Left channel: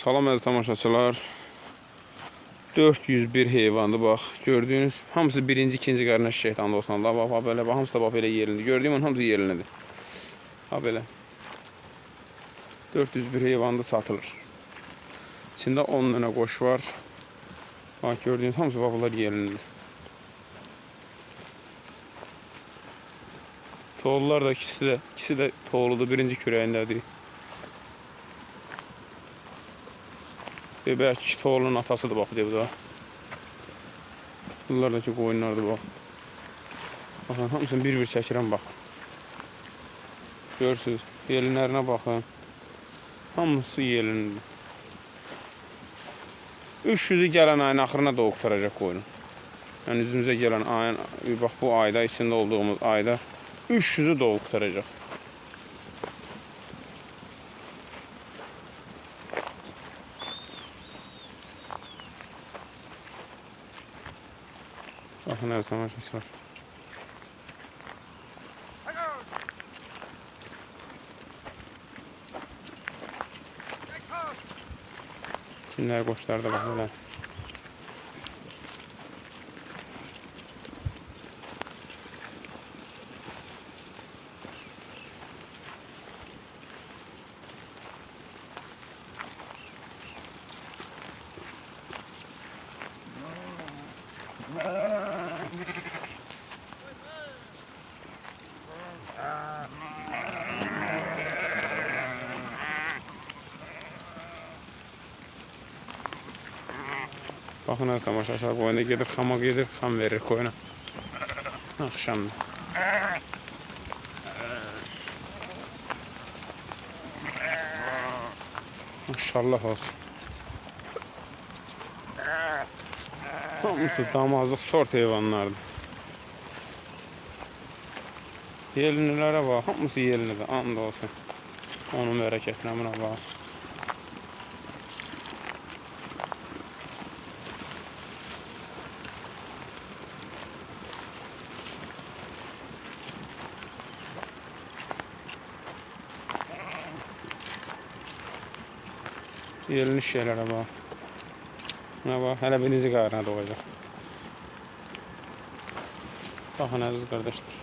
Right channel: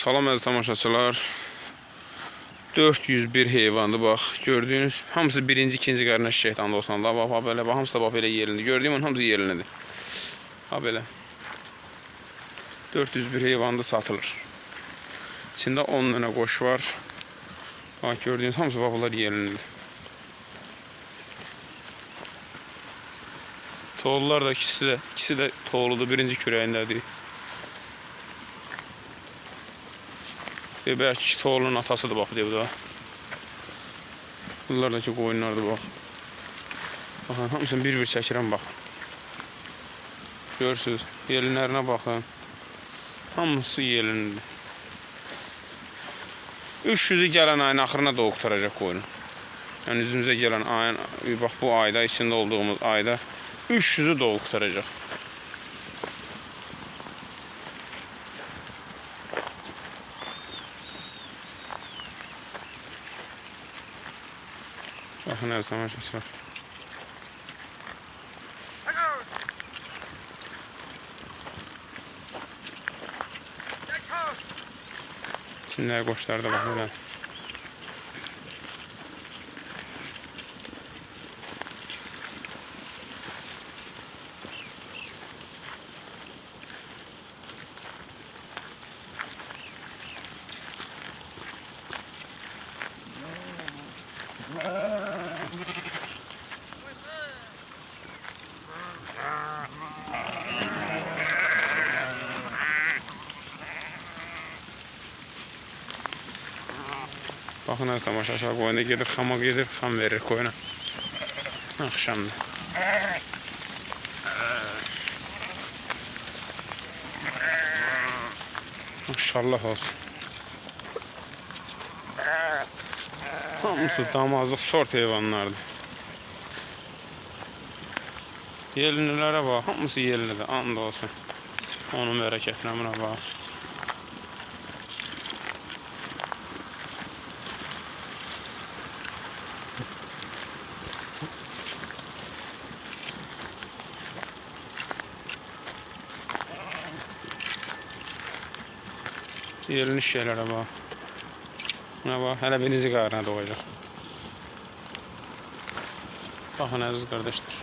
Salam əziz tamaşaçılar. 401 heyvandı bax. Gördüyünüz hamısı birinci, ikinci qardaş şeytan olsun. Allah bax belə bax hamısı da bax belə yerində. Gördüyüm onun hamısı yerindədir. Ha belə. 401 heyvandı satılır. İçində 10 dənə qoş var. Bax gördüyünüz hamısı bax bunlar yerindədir. Toğullar da ikisi de, ikisi de toğuludur. Birinci kürəyindədir. Ve belki toğulun atasıdır bak diye bu da. Bunlardaki koyunlardır bak. Bakın hamısını bir-bir çəkirəm bax. Görürsünüz. Yelinlərinə baxın. Hamısı yelinlidir. 300'ü gələn ayın axırına da oqtaracaq qoyunu. Yəni üzümüzə gələn ayın, bax bu ayda, içində olduğumuz ayda 300'ü də oqtaracaq. Her zaman var. Çinler koçlar da bak böyle. Bakın az tamaşaçılar koyuna gedir, xama gedir, xam verir koyuna. Akşamda. Maşallah olsun. Hamısı damazlıq sort heyvanlardır. Yelinlilərə bax, hamısı yelinlidir, and olsun. Onun bərəkətinə buna bax. Yerinin şeylərə bax. Buna bax, hələ birinci qarına doğacaq. Baxın əziz qardaşlar.